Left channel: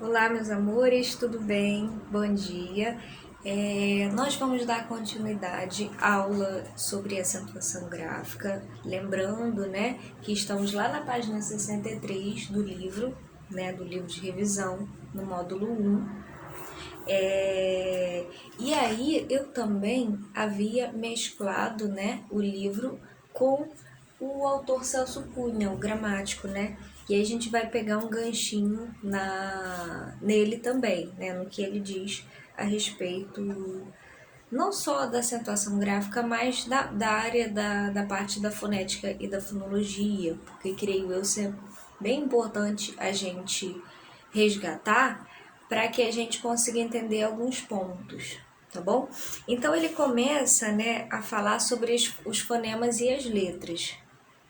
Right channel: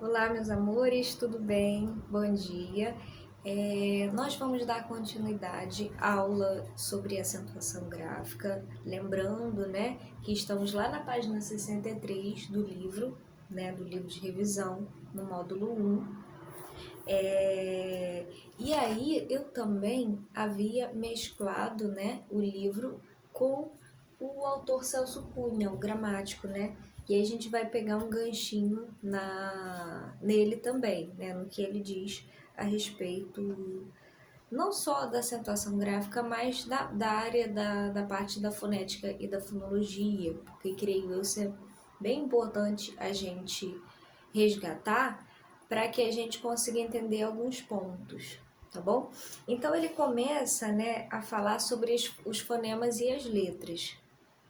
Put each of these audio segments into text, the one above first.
Olá, meus amores, tudo bem? Bom dia. Nós vamos dar continuidade à aula sobre acentuação gráfica, lembrando, né, que estamos lá na página 63 do livro, né, do livro de revisão, no módulo 1. E aí eu também havia mesclado, né, o livro com o autor Celso Cunha, o gramático, né? E aí a gente vai pegar um ganchinho nele também, né? No que ele diz a respeito não só da acentuação gráfica, mas da área da parte da fonética e da fonologia, porque creio eu ser bem importante a gente resgatar para que a gente consiga entender alguns pontos, tá bom? Então ele começa, né, a falar sobre os fonemas e as letras,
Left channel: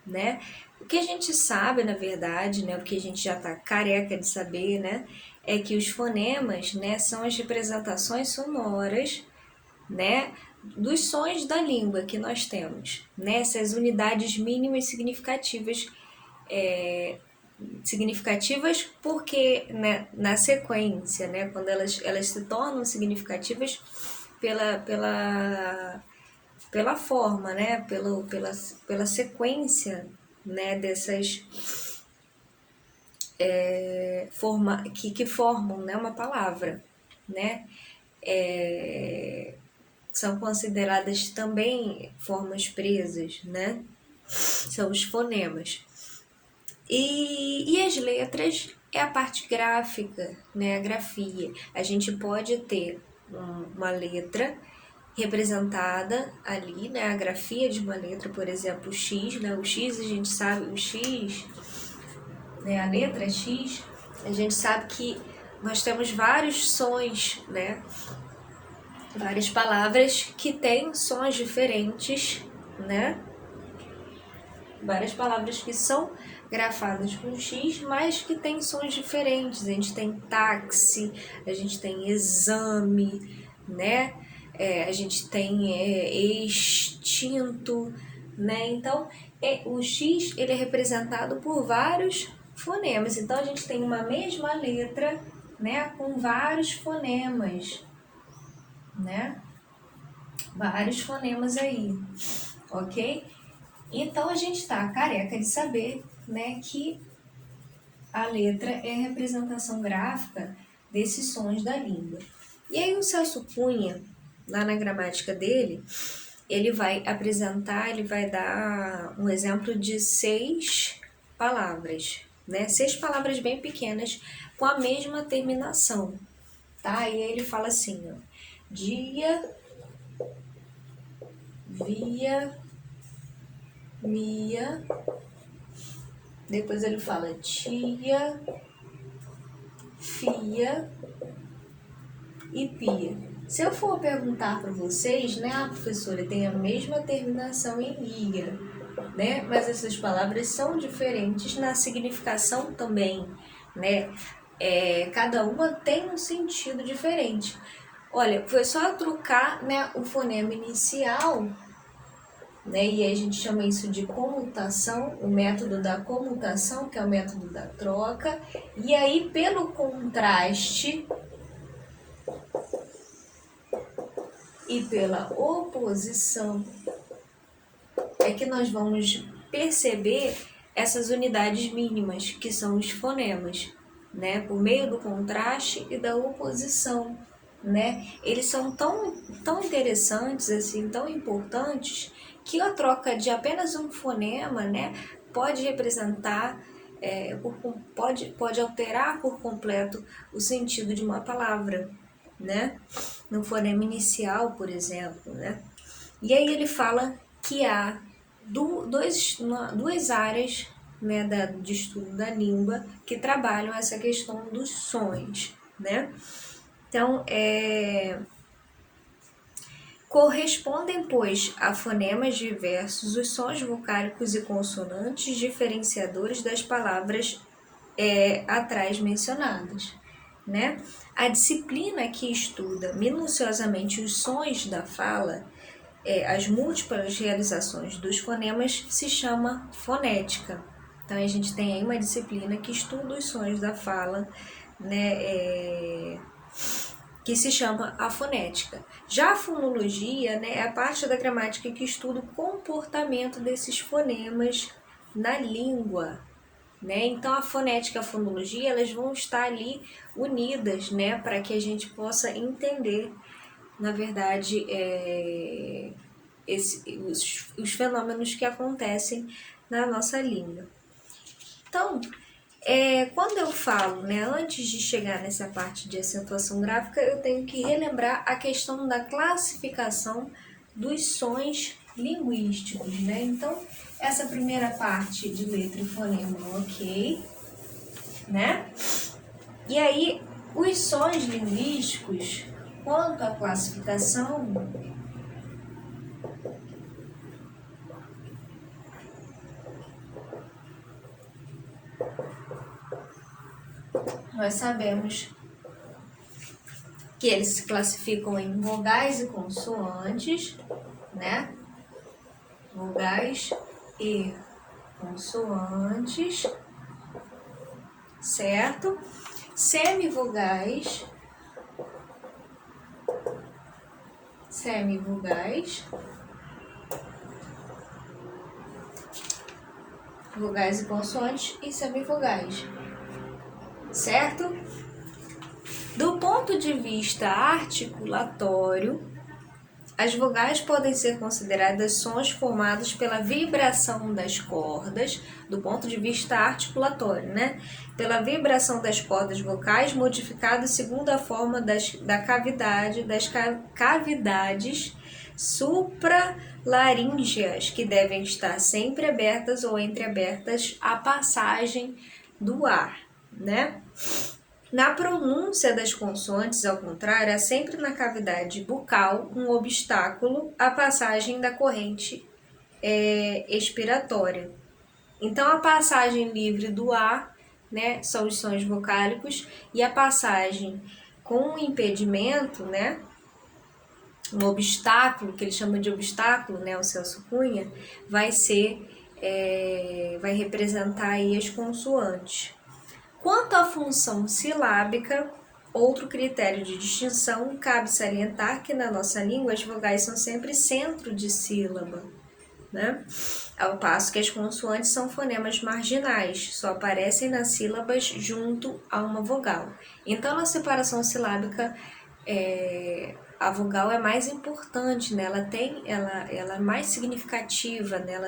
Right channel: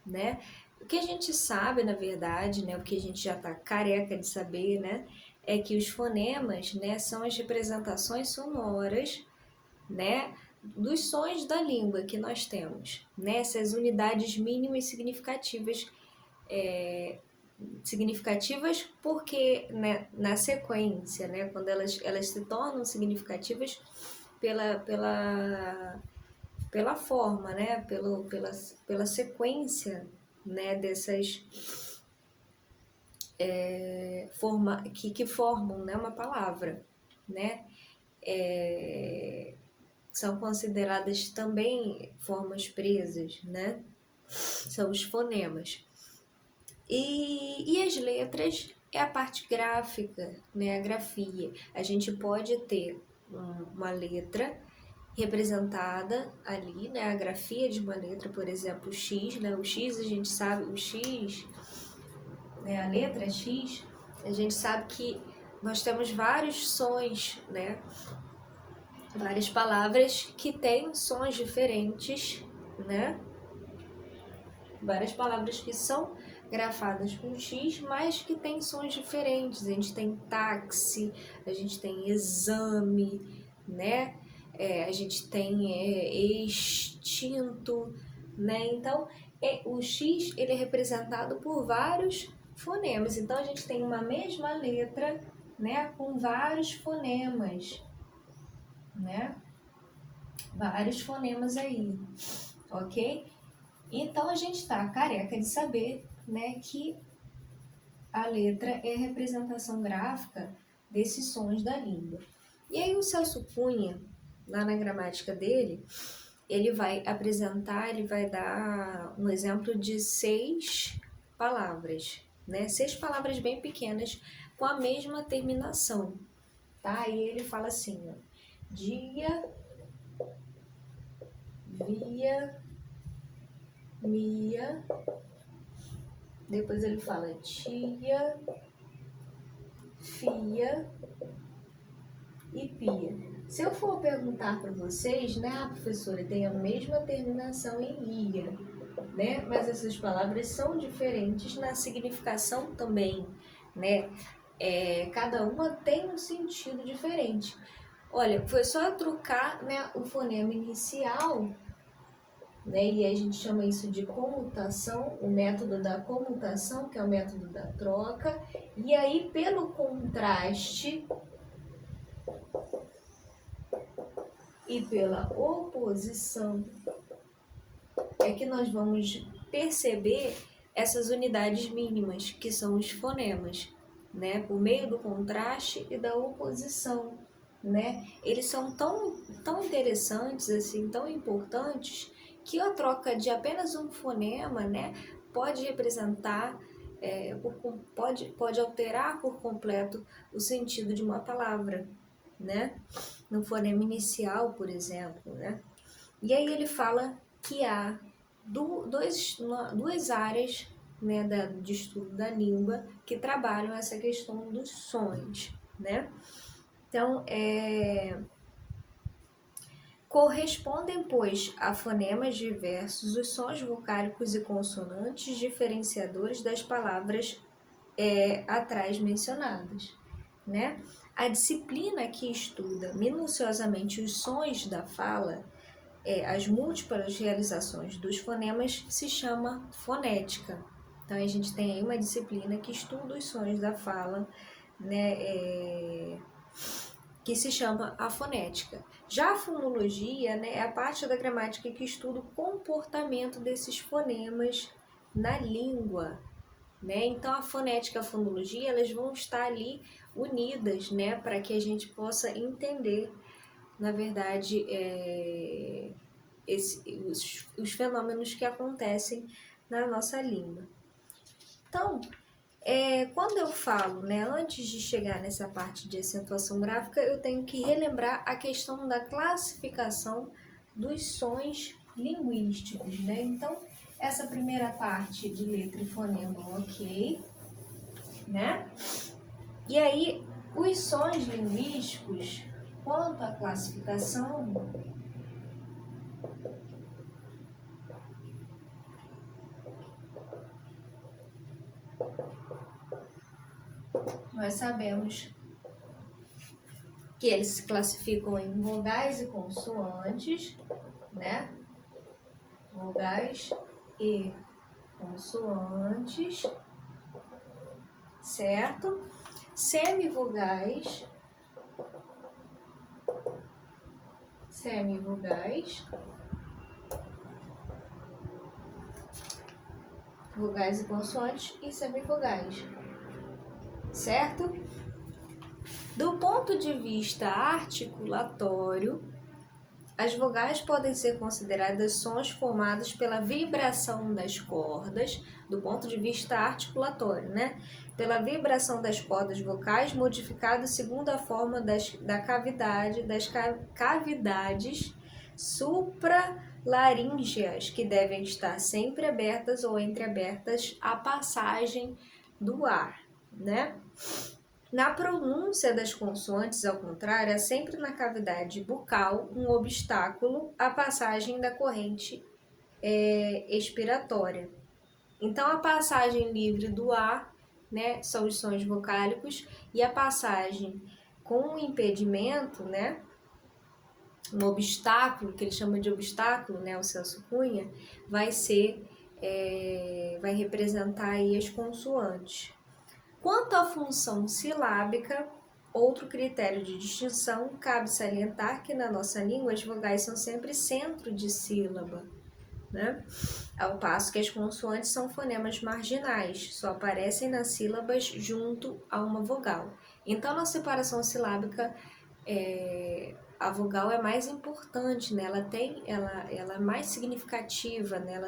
né? O que a gente sabe, na verdade, né, o que a gente já está careca de saber, né, é que os fonemas, né, são as representações sonoras, né, dos sons da língua que nós temos, né, essas unidades mínimas significativas, significativas porque, né, na sequência, né, quando elas se tornam significativas pela forma, né, pela sequência, né, dessas que formam, né, uma palavra, né, são consideradas também formas presas, né, são os fonemas. E as letras é a parte gráfica, né, a grafia. A gente pode ter uma letra representada ali, né, a grafia de uma letra, por exemplo, o X, né, o X a gente sabe, o X, né, a letra X, a gente sabe que nós temos vários sons, né, várias palavras que têm sons diferentes, né, várias palavras que são grafadas com X, mas que têm sons diferentes. A gente tem táxi, a gente tem exame, né? A gente tem extinto, né? Então, o X ele é representado por vários fonemas. Então, a gente tem uma mesma letra, né? Com vários fonemas, né? Vários fonemas aí, ok? Então a gente está careca de saber, né, que a letra é a representação gráfica desses sons da língua. E aí o Celso Cunha, lá na gramática dele, ele vai apresentar, ele vai dar um exemplo de 6 palavras, né? 6 palavras bem pequenas com a mesma terminação, tá? E aí ele fala assim, ó, dia, via, mia. Depois ele fala tia, fia e pia. Se eu for perguntar para vocês, né, a professora tem a mesma terminação em ia, né? Mas essas palavras são diferentes na significação também, né? Cada uma tem um sentido diferente. Olha, foi só eu trocar, né, o fonema inicial, né? E aí a gente chama isso de comutação, o método da comutação, que é o método da troca. E aí, pelo contraste e pela oposição, é que nós vamos perceber essas unidades mínimas, que são os fonemas, né? Por meio do contraste e da oposição, né? Eles são tão interessantes, assim, tão importantes, que a troca de apenas um fonema, né, pode representar, pode alterar por completo o sentido de uma palavra, né? No fonema inicial, por exemplo, né? E aí ele fala que há duas áreas, né, de estudo da língua que trabalham essa questão dos sons, né? Então, correspondem, pois, a fonemas diversos os sons vocálicos e consonantes diferenciadores das palavras atrás mencionadas, né? A disciplina que estuda minuciosamente os sons da fala, as múltiplas realizações dos fonemas, se chama fonética. Então, a gente tem aí uma disciplina que estuda os sons da fala, né, que se chama a fonética. Já a fonologia, né, é a parte da gramática que estuda o comportamento desses fonemas na língua, né? Então a fonética e a fonologia, elas vão estar ali unidas, né, para que a gente possa entender, na verdade, os fenômenos que acontecem na nossa língua. Então, quando eu falo, né, antes de chegar nessa parte de acentuação gráfica, eu tenho que relembrar a questão da classificação dos sons linguísticos, né? Então, essa primeira parte de letra e fonema, ok, né? E aí, os sons linguísticos, quanto à classificação, nós sabemos que eles se classificam em vogais e consoantes, né? Vogais e consoantes, certo? Semivogais, vogais e consoantes e semivogais, certo? Do ponto de vista articulatório, as vogais podem ser consideradas sons formados pela vibração das cordas, do ponto de vista articulatório, né? Pela vibração das cordas vocais, modificadas segundo a forma das cavidades supraláríngeas, que devem estar sempre abertas ou entreabertas à passagem do ar, né? Na pronúncia das consoantes, ao contrário, há sempre na cavidade bucal um obstáculo à passagem da corrente expiratória. Então, a passagem livre do ar, né, são os sons vocálicos, e a passagem com um impedimento, né, um obstáculo, que ele chama de obstáculo, né, o Celso Cunha, vai representar aí as consoantes. Quanto à função silábica, outro critério de distinção, cabe salientar que na nossa língua as vogais são sempre centro de sílaba, né? Ao passo que as consoantes são fonemas marginais, só aparecem nas sílabas junto a uma vogal. Então, na separação silábica, a vogal é mais importante, né? Ela é mais significativa, né?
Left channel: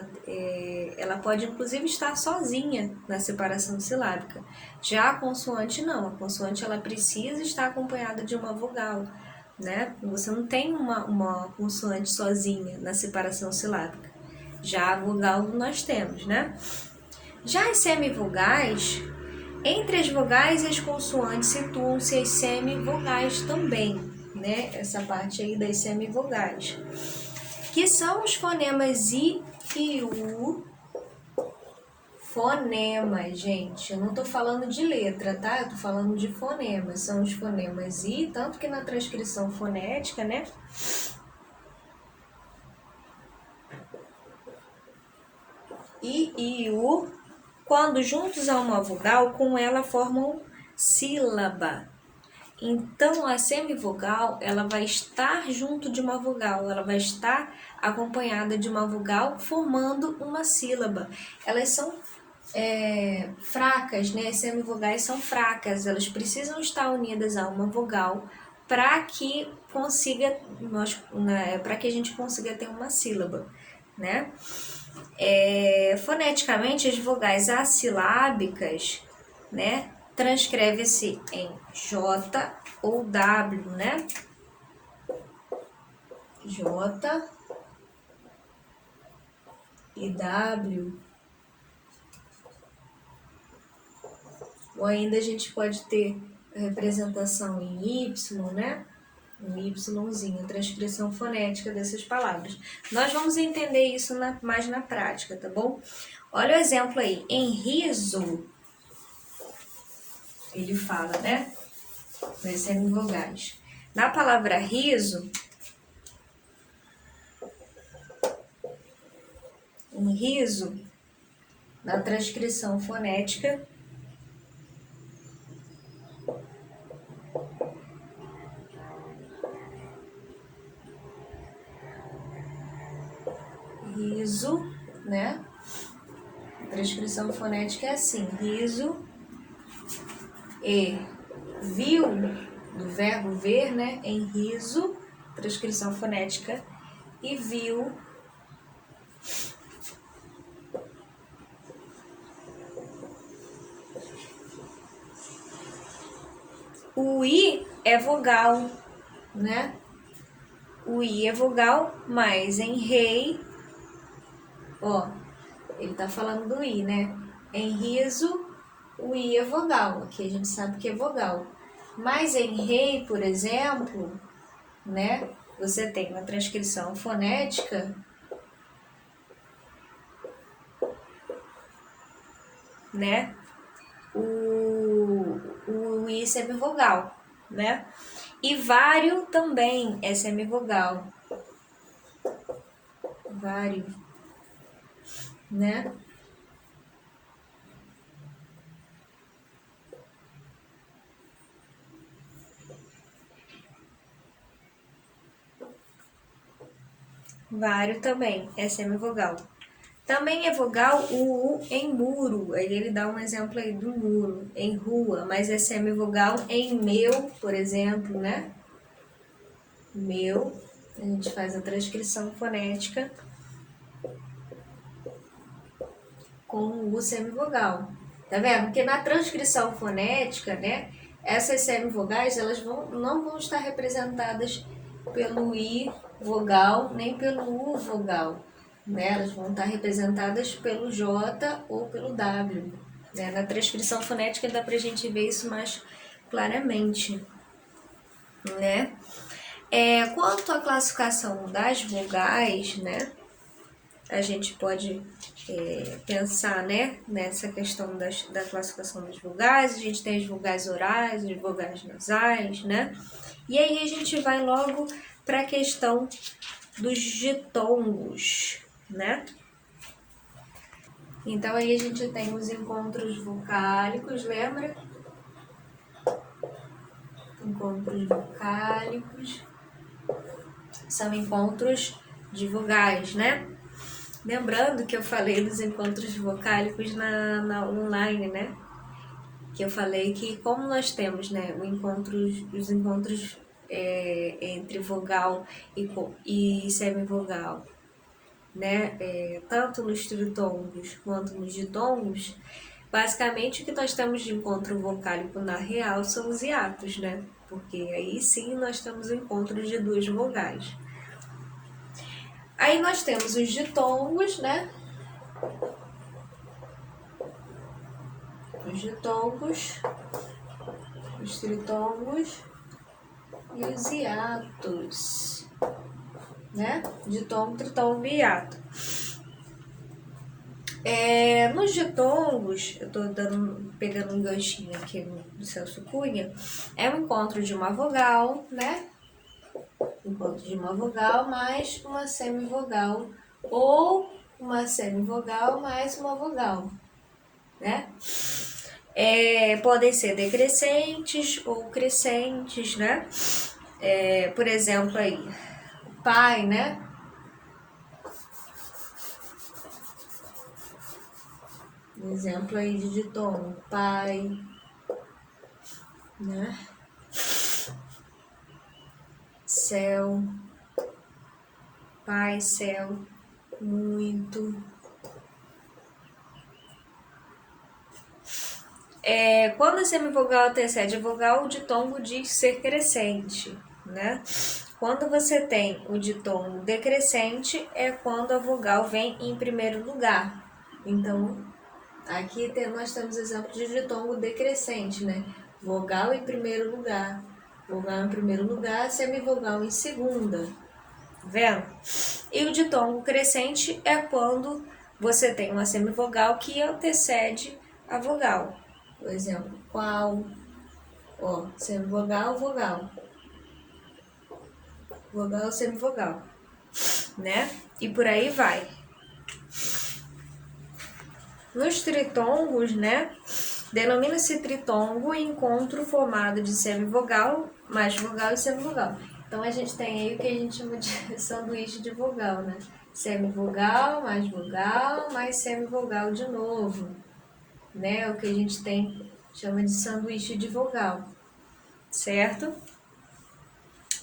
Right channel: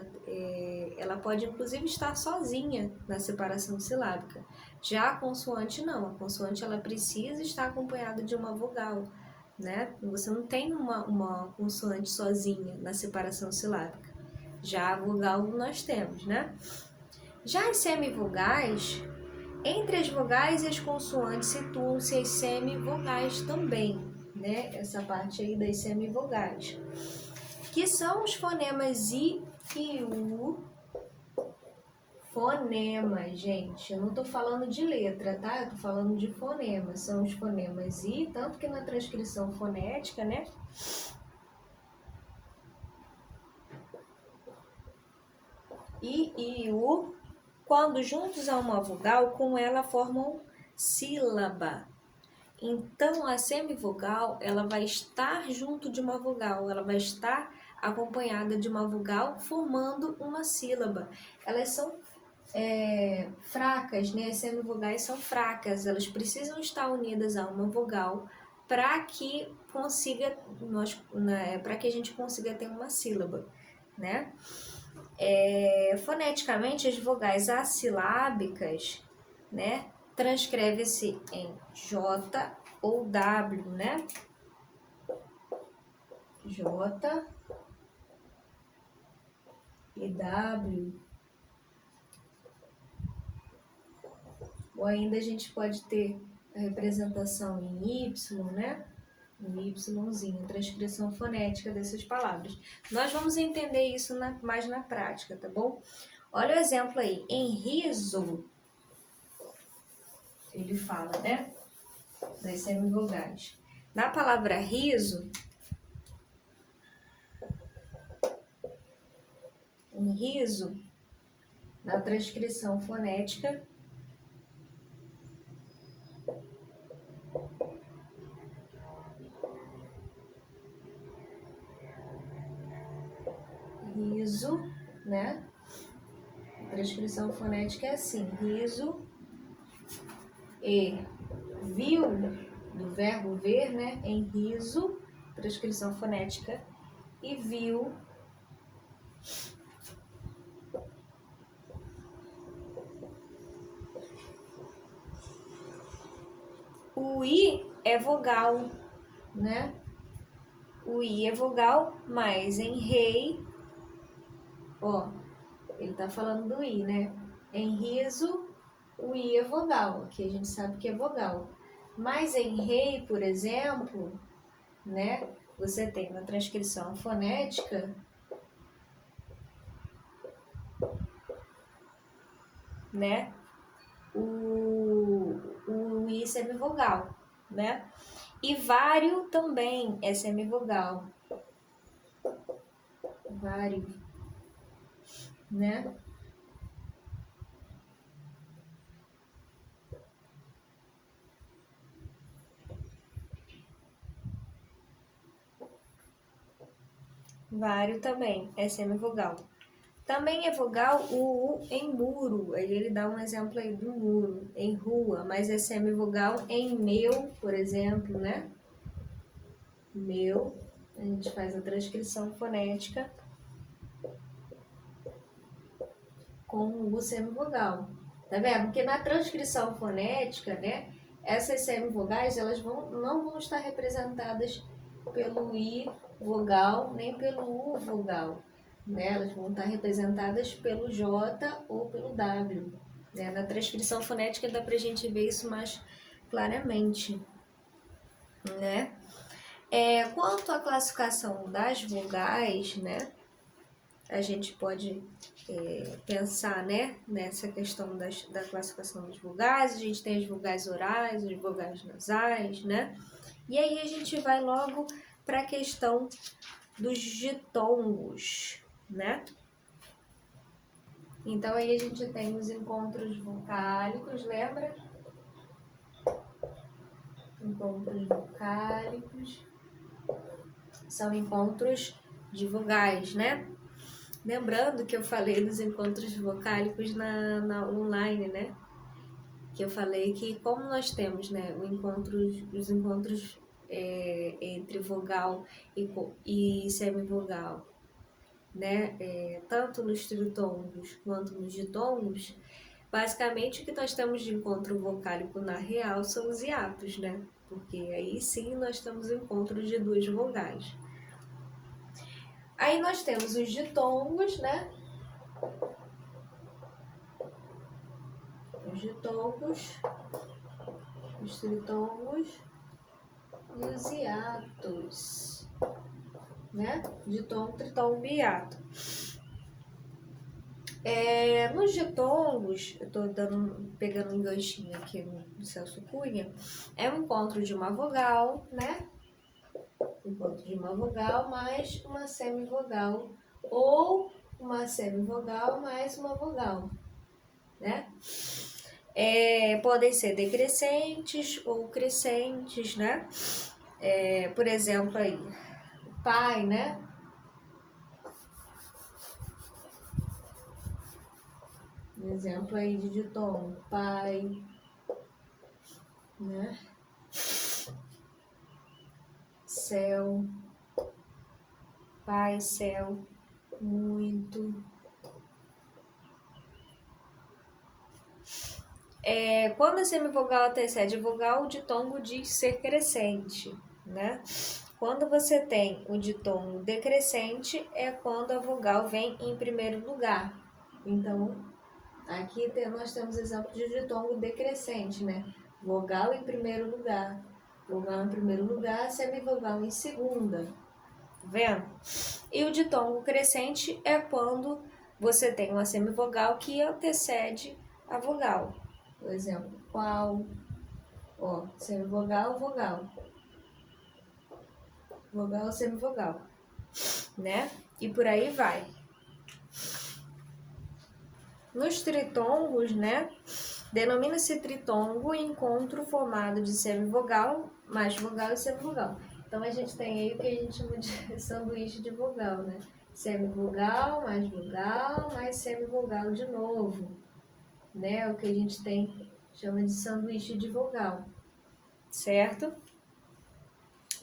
Ela pode inclusive estar sozinha na separação silábica. Já a consoante não, a consoante ela precisa estar acompanhada de uma vogal, né? Você não tem uma consoante sozinha na separação silábica. Já a vogal nós temos, né? Já as semivogais, entre as vogais e as consoantes situam-se as semivogais também, né? Essa parte aí das semivogais, que são os fonemas I e U. Fonemas, gente, eu não tô falando de letra, tá? Eu tô falando de fonemas, são os fonemas I, tanto que na transcrição fonética, né? I e U, quando juntos a uma vogal, com ela formam sílaba. Então, a semivogal, ela vai estar junto de uma vogal, ela vai estar acompanhada de uma vogal, formando uma sílaba. Elas são fracas, né? As semivogais são fracas, elas precisam estar unidas a uma vogal para que a gente consiga ter uma sílaba, né? Foneticamente, as vogais assilábicas, né, transcreve-se em J ou W, né? J e W. Ou ainda a gente pode ter a representação em Y, né? Um Yzinho, a transcrição fonética dessas palavras. Nós vamos entender isso mais na prática, tá bom? Olha o exemplo aí. Em riso, ele fala, né? Das semivogais. Na palavra riso, em riso, na transcrição fonética, riso, né? A transcrição fonética é assim, riso e viu, do verbo ver, né? Em riso, transcrição fonética, e viu. O I é vogal, né? O I é vogal, mas em rei, ó, ele tá falando do I, né? Em riso, o I é vogal, aqui a gente sabe que é vogal. Mas em rei, por exemplo, né? Você tem uma transcrição fonética, né? O I semivogal, né? E vário também é semivogal. Vário, né? Vário também é semivogal. Também é vogal o U em muro. Aí ele dá um exemplo aí do muro, em rua, mas é semivogal em meu, por exemplo, né? Meu, a gente faz a transcrição fonética com o U semivogal. Tá vendo? Porque na transcrição fonética, né? Essas semivogais, elas não vão estar representadas pelo I vogal, nem pelo U vogal. Né? Elas vão estar representadas pelo J ou pelo W. Né? Na transcrição fonética dá pra gente ver isso mais claramente. Né? Quanto à classificação das vogais, né? A gente pode pensar, né, nessa questão da classificação das vogais. A gente tem as vogais orais, as vogais nasais, né? E aí a gente vai logo para a questão dos ditongos, né? Então aí a gente tem os encontros vocálicos, lembra? Encontros vocálicos são encontros de vogais, né? Lembrando que eu falei dos encontros vocálicos na online, né? Que eu falei que como nós temos, né, os encontros entre vogal e semivogal, né? Tanto nos tritongos quanto nos ditongos, basicamente o que nós temos de encontro vocálico na real são os hiatos, né? Porque aí sim nós temos o encontro de duas vogais. Aí nós temos os ditongos, né? Os ditongos, os tritongos e os hiatos, né? Ditongo, tritongo e hiato. Nos ditongos, eu tô pegando um ganchinho aqui do Celso Cunha, é um encontro de uma vogal, né? Encontro de uma vogal mais uma semivogal ou uma semivogal mais uma vogal, né? Podem ser decrescentes ou crescentes, né? Por exemplo aí, pai, né? Um exemplo aí de ditongo, pai, né? Céu, pai, céu, muito. Quando a semivogal antecede a vogal, o ditongo diz ser crescente, né? Quando você tem o ditongo decrescente, é quando a vogal vem em primeiro lugar. Então, aqui nós temos exemplo de ditongo decrescente, né? Vogal em primeiro lugar, vogal em primeiro lugar, semivogal em segunda. Tá vendo? E o ditongo crescente é quando você tem uma semivogal que antecede a vogal. Por exemplo, qual, ó, semivogal, vogal. Vogal, semivogal, né? E por aí vai. Nos tritongos, né? Denomina-se tritongo encontro formado de semivogal, mais vogal e semivogal. Então a gente tem aí o que a gente chama de sanduíche de vogal, né? Semivogal, mais semivogal de novo, né? O que a gente chama de sanduíche de vogal, certo?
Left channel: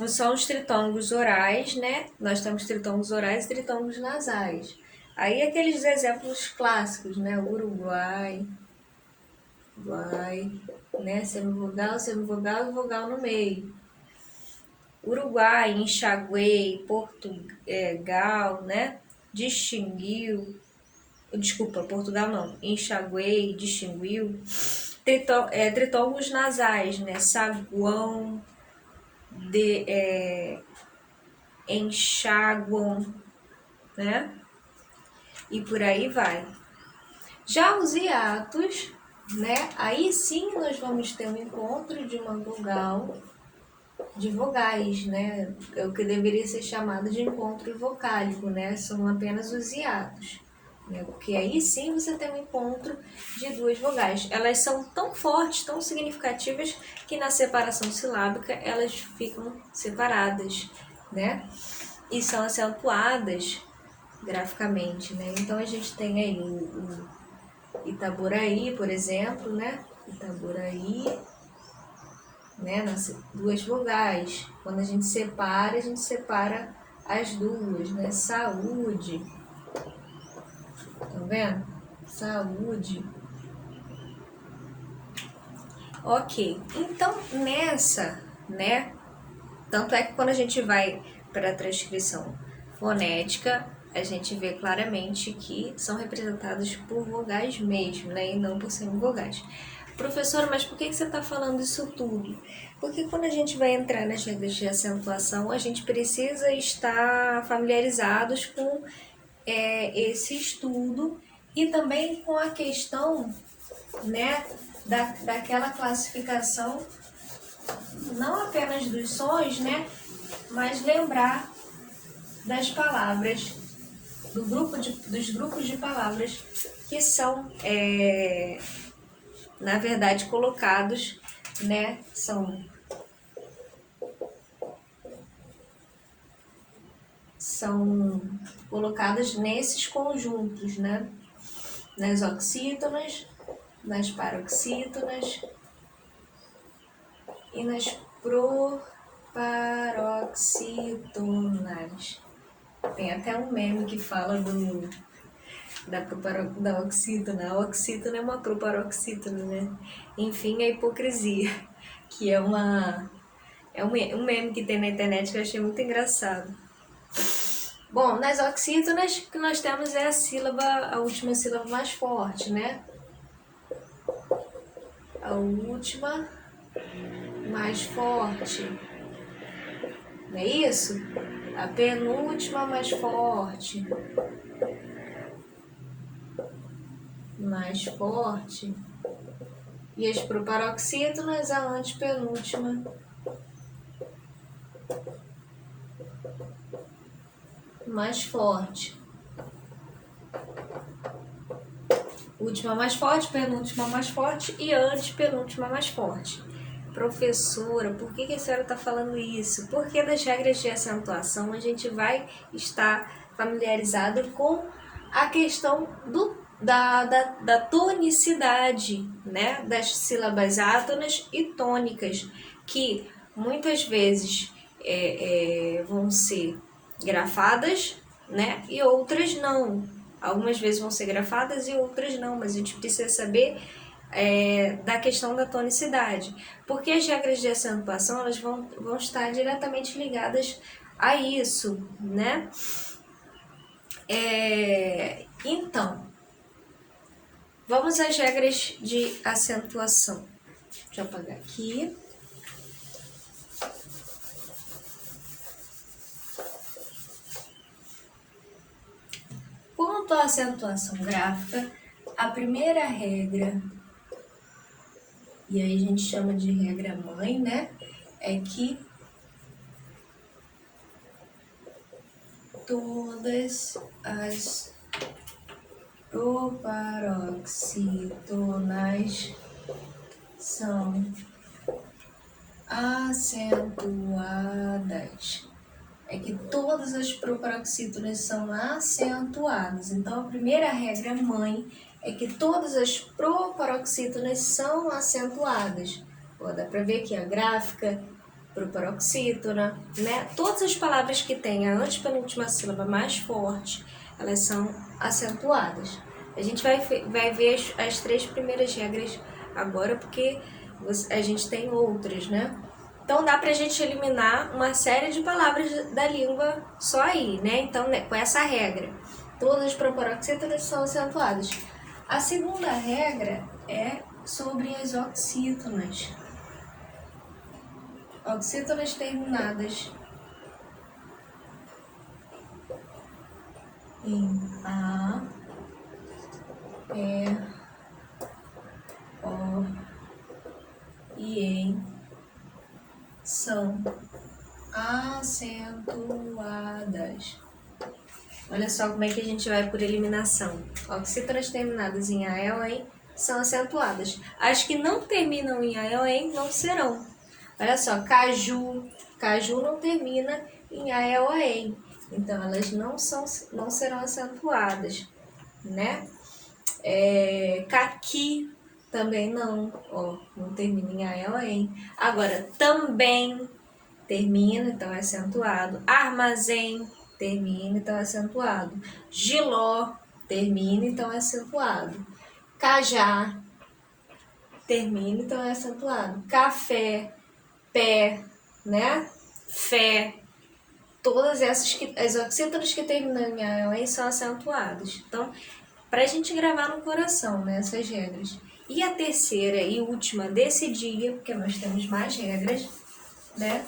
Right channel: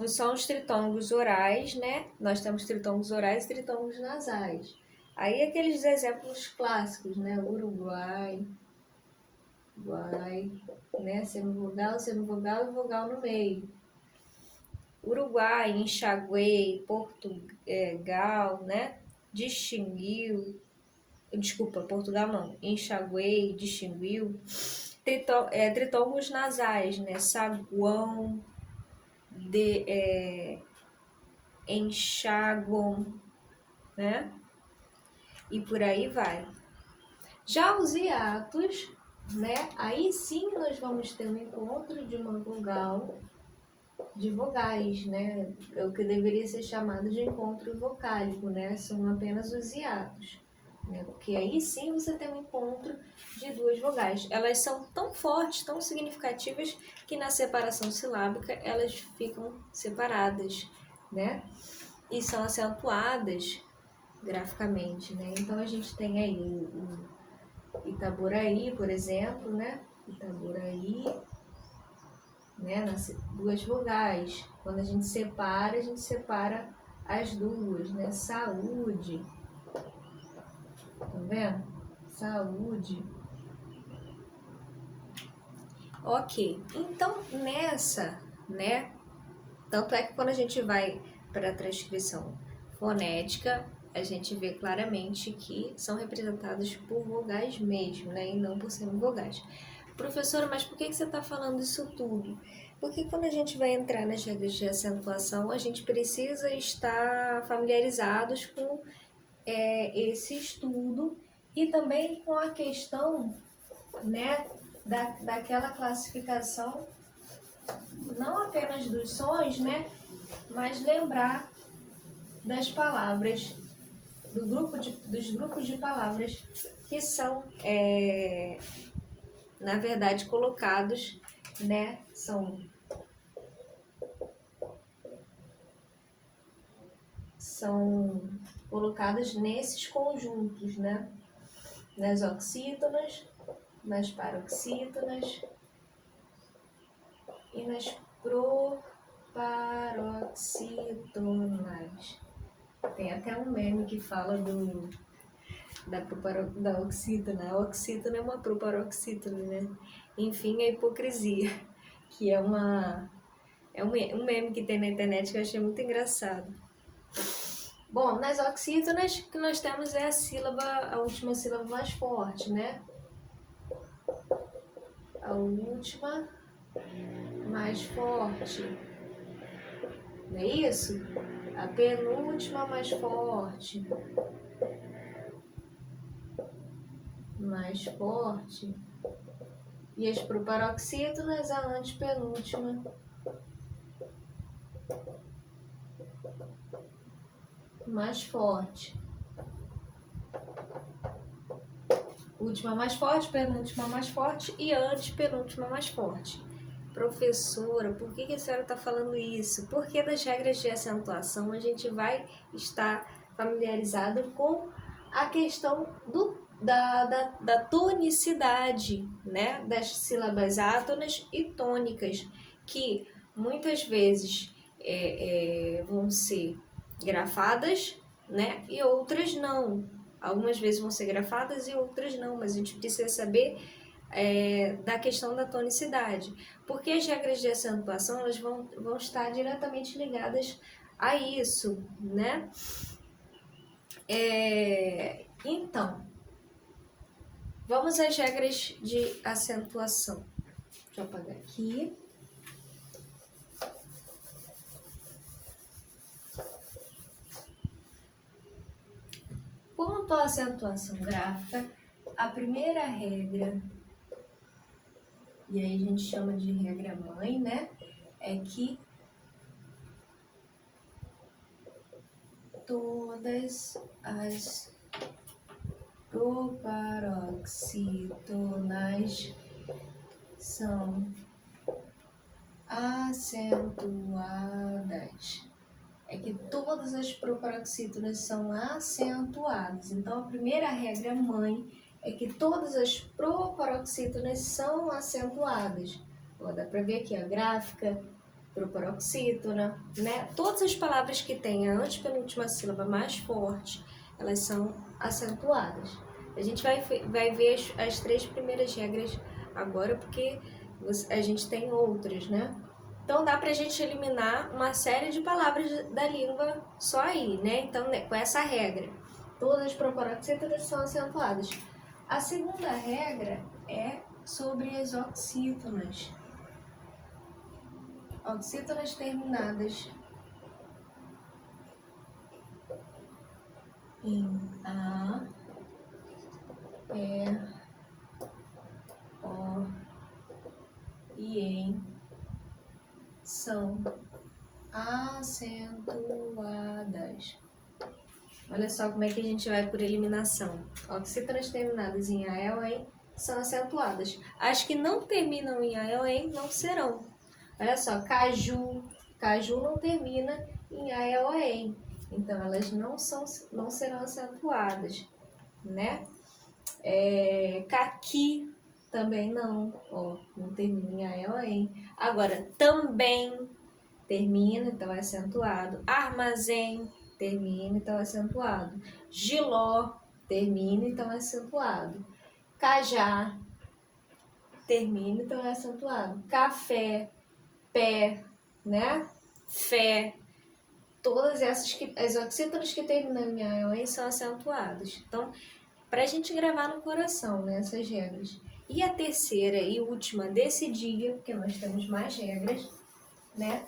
São os tritônigos orais, né? Nós temos tritônigos orais e tritônigos nasais. Aí aqueles exemplos clássicos, né? Uruguai, né? Semivogal e vogal no meio. Uruguai, enxaguei, Portugal, né? Portugal não, enxaguei, distinguiu. Tritônigos nasais, né? Saguão, enxaguam, né? E por aí vai. Já os hiatos, né? Aí sim nós vamos ter um encontro de uma vogal, de vogais, né? É o que deveria ser chamado de encontro vocálico, né? São apenas os hiatos, né? Porque aí sim você tem um encontro de duas vogais. Elas são tão fortes, tão significativas, que na separação silábica elas ficam separadas, né? E são acentuadas graficamente, né? Então a gente tem aí o Itaboraí, por exemplo, né? Itaboraí, né? Nas duas vogais. Quando a gente separa as duas, né? Saúde. Estão vendo? Saúde. Ok. Então, nessa, né? Tanto é que quando a gente vai para a transcrição fonética, a gente vê claramente que são representados por vogais mesmo, né? E não por semivogais. Professora, mas por que você está falando isso tudo? Porque quando a gente vai entrar nas regras de acentuação, a gente precisa estar familiarizados com esse estudo e também com a questão, né, daquela classificação, não apenas dos sons, né, mas lembrar das palavras, dos grupos de palavras que são, na verdade, colocados, né, são colocadas nesses conjuntos, né, nas oxítonas, nas paroxítonas e nas proparoxítonas. Tem até um meme que fala da oxítona. A oxítona é uma proparoxítona, né? Enfim, a hipocrisia, que é um meme que tem na internet que eu achei muito engraçado. Bom, nas oxítonas, o que nós temos é a última sílaba mais forte, né? A última mais forte. Não é isso? A penúltima mais forte. Mais forte. E as proparoxítonas, a antepenúltima mais forte. Última mais forte, penúltima mais forte e antepenúltima mais forte. Professora, por que a senhora está falando isso? Porque das regras de acentuação a gente vai estar familiarizado com a questão da tonicidade, né? Das sílabas átonas e tônicas, que muitas vezes vão ser grafadas, né? E outras não. Algumas vezes vão ser grafadas e outras não, mas a gente precisa saber da questão da tonicidade, porque as regras de acentuação elas vão estar diretamente ligadas a isso, né? Então, vamos às regras de acentuação. Deixa eu apagar aqui. Quanto à acentuação gráfica, a primeira regra, e aí a gente chama de regra mãe, né? É que todas as proparoxítonas são acentuadas. é que todas as proparoxítonas são acentuadas. Então, a primeira regra mãe é que todas as proparoxítonas são acentuadas. Ó, dá para ver aqui a gráfica, proparoxítona, né? Todas as palavras que têm a antepenúltima sílaba mais forte, elas são acentuadas. A gente vai ver as 3 primeiras regras agora, porque a gente tem outras, né? Então, dá pra gente eliminar uma série de palavras da língua só aí, né? Então, né, com essa regra, todas as proparoxítonas são acentuadas. A segunda regra é sobre as oxítonas. Oxítonas terminadas em A, E, O e em são acentuadas. Olha só como é que a gente vai por eliminação. Oxítonas terminadas em A, E ou em são acentuadas. As que não terminam em A, E ou em não serão. Olha só, caju não termina em A, E ou em. Então, elas não serão acentuadas, né? Caqui também não, ó, não termina em A, E ou em. Agora, também termina, então é acentuado. Armazém termina, então é acentuado. Giló termina, então é acentuado. Cajá termina, então é acentuado. Café, pé, né? Fé. Todas essas as oxítonas que terminam em A ou em são acentuadas. Então, para a gente gravar no coração, né, essas regras. E a terceira e última desse dia, porque nós temos mais regras, né?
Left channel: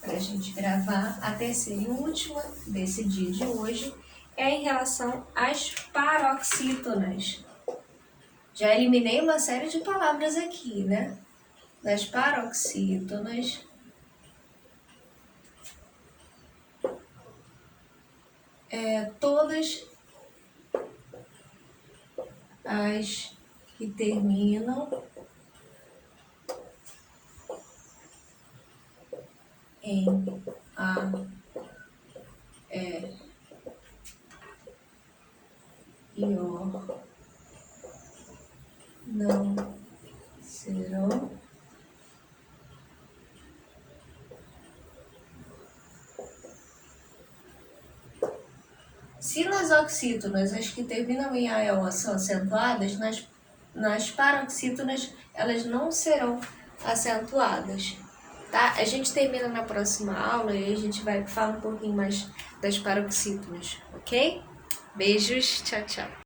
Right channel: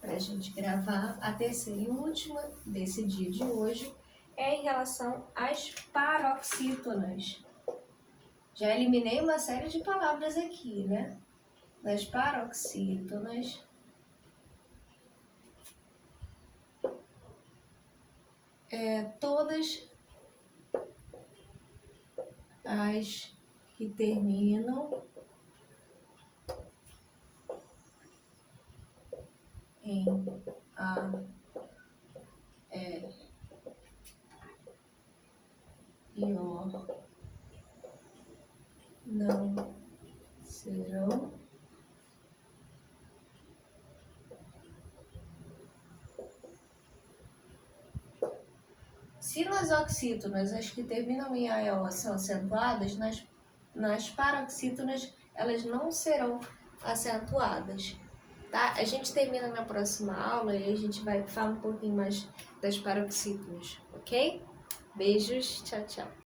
Para a gente gravar, a terceira e última desse dia de hoje é em relação às paroxítonas. Já eliminei uma série de palavras aqui, né? Das paroxítonas. Todas as que terminam em A, E e O não serão se nas oxítonas as que terminam em A e O são acentuadas, nas paroxítonas elas não serão acentuadas. Tá? A gente termina na próxima aula e a gente vai falar um pouquinho mais das paroxítonas, ok? Beijos, tchau, tchau.